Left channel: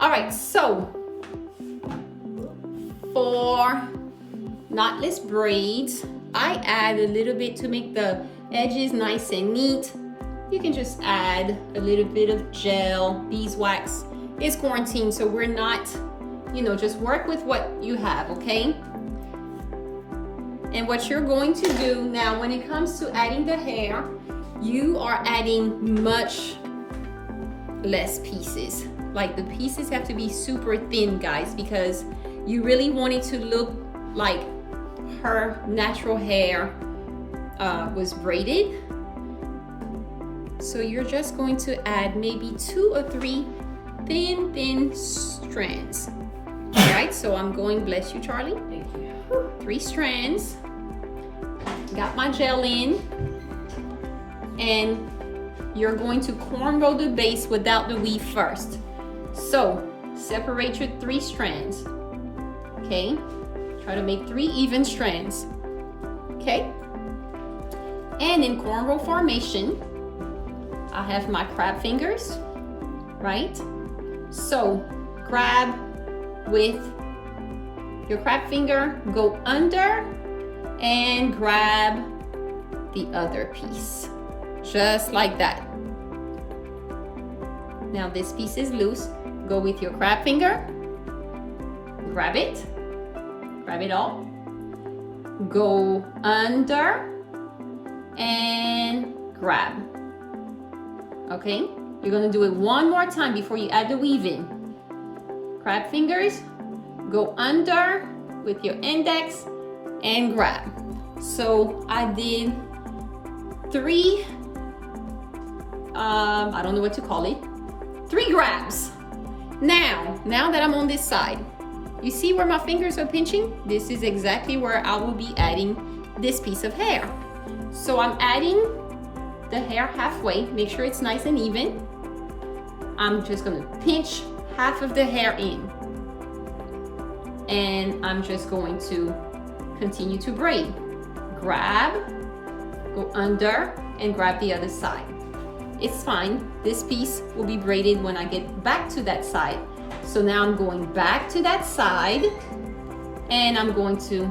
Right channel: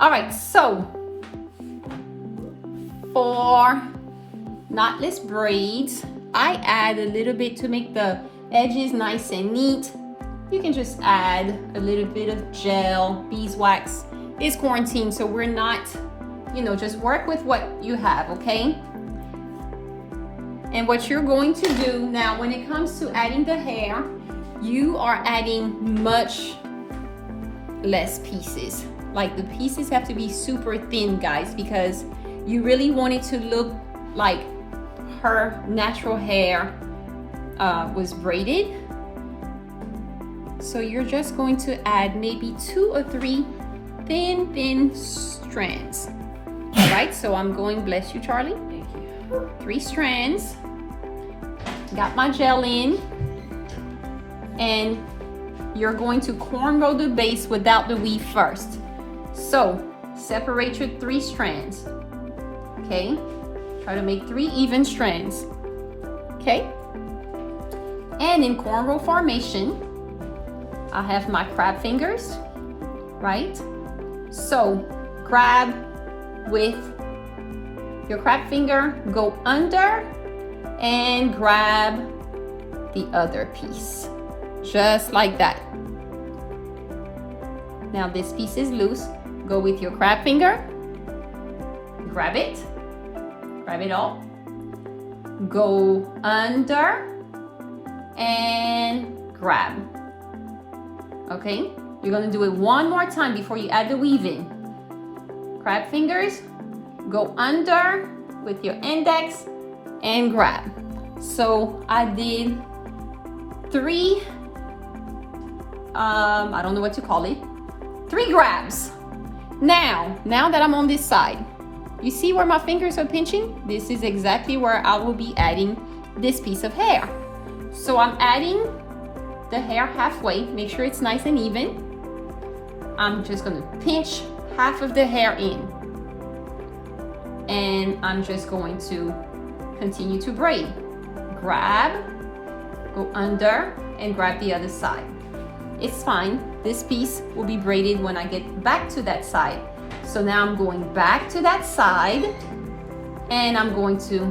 All right, so for knotless braids, I add a little bit to make the edges nice and neat. You can just add a little bit of gel, beeswax. It's quarantine, so we're not, just work with what you have, okay? And what you're going to do now, when it comes to adding the hair, you are adding much less pieces. Like the pieces have to be super thin, guys, because you really want it to look like her natural hair was braided. So you're just going to add maybe 2 or 3 thin strands. All right, so I'm going, bless you, Charlie. Thank you. 3 strands. Got my gel in. And you're going to cornrow the base without the weave first. So separate your 3 strands. Okay, try to make 3 even strands. Okay, and in cornrow formation, I have my crab fingers, right? So grab with your crab finger, go under and grab the other piece, just like that. Now this piece is loose. Go with your crab finger, grab it all, go under and grab. Okay, you're gonna do it one more time before you add the weaving. Crab fingers, go under with your index and grab. So I did 3, I don't know what to call it, 3 grabs. Now that I'm on this side, you see where my fingers are pinching? This is exactly where I will be adding this piece of hair. So I'm adding the hair halfway, make sure it's nice and even. I'm just gonna pinch half of the hair in. And I'm just going to continue to braid. Grab, go under, and grab the other side. It's fine, this piece will be braided when I get back to that side. So now I'm going back to that side, and I'm going to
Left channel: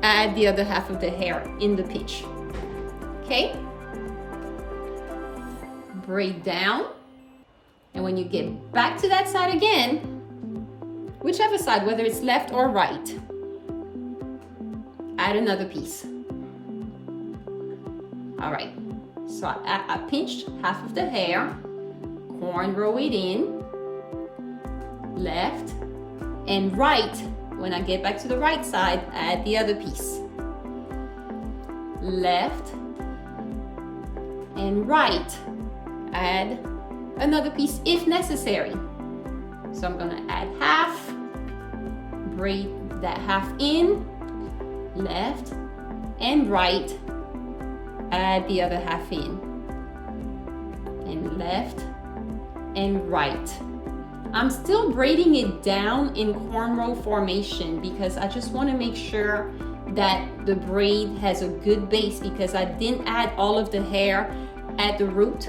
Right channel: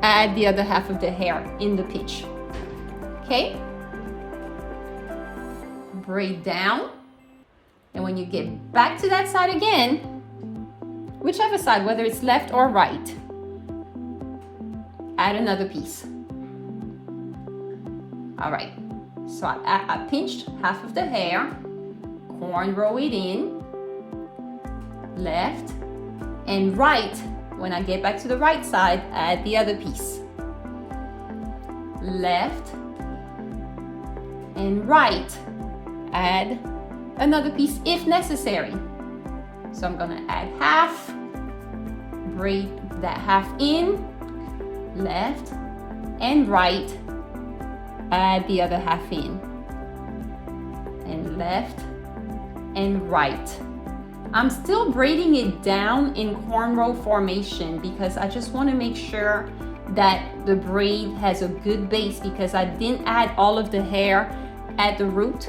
add the other half of the hair in the pinch. Okay? Braid down, and when you get back to that side again, whichever side, whether it's left or right, add another piece. All right, so I pinched half of the hair, cornrow it in, left and right. When I get back to the right side, add the other piece. Left and right, add another piece if necessary. So I'm gonna add half, braid that half in, left and right, add the other half in, and left and right. I'm still braiding it down in cornrow formation because I just want to make sure that the braid has a good base, because I didn't add all of the hair at the root.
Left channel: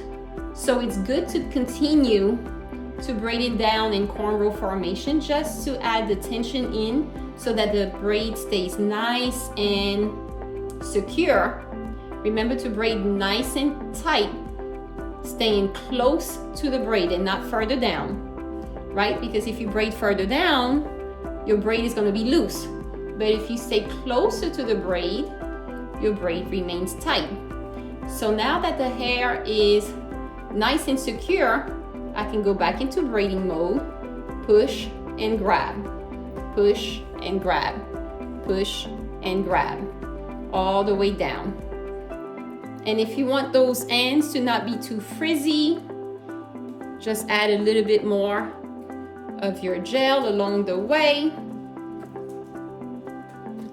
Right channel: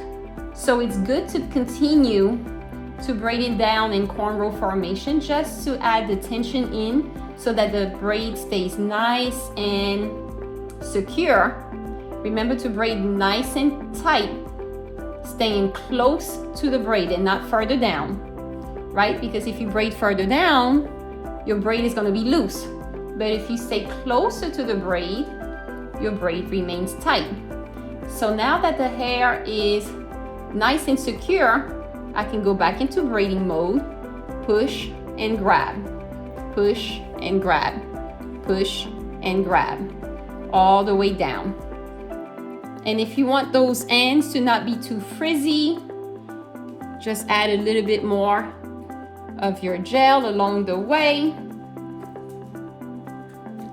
So it's good to continue to braid it down in cornrow formation just to add the tension in so that the braid stays nice and secure. Remember to braid nice and tight, staying close to the braid and not further down, right? Because if you braid further down, your braid is going to be loose. But if you stay closer to the braid, your braid remains tight. So now that the hair is nice and secure, I can go back into braiding mode, push and grab, push and grab, push and grab, all the way down. And if you want those ends to not be too frizzy, just add a little bit more of your gel along the way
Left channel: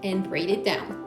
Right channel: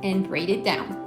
and braid it down.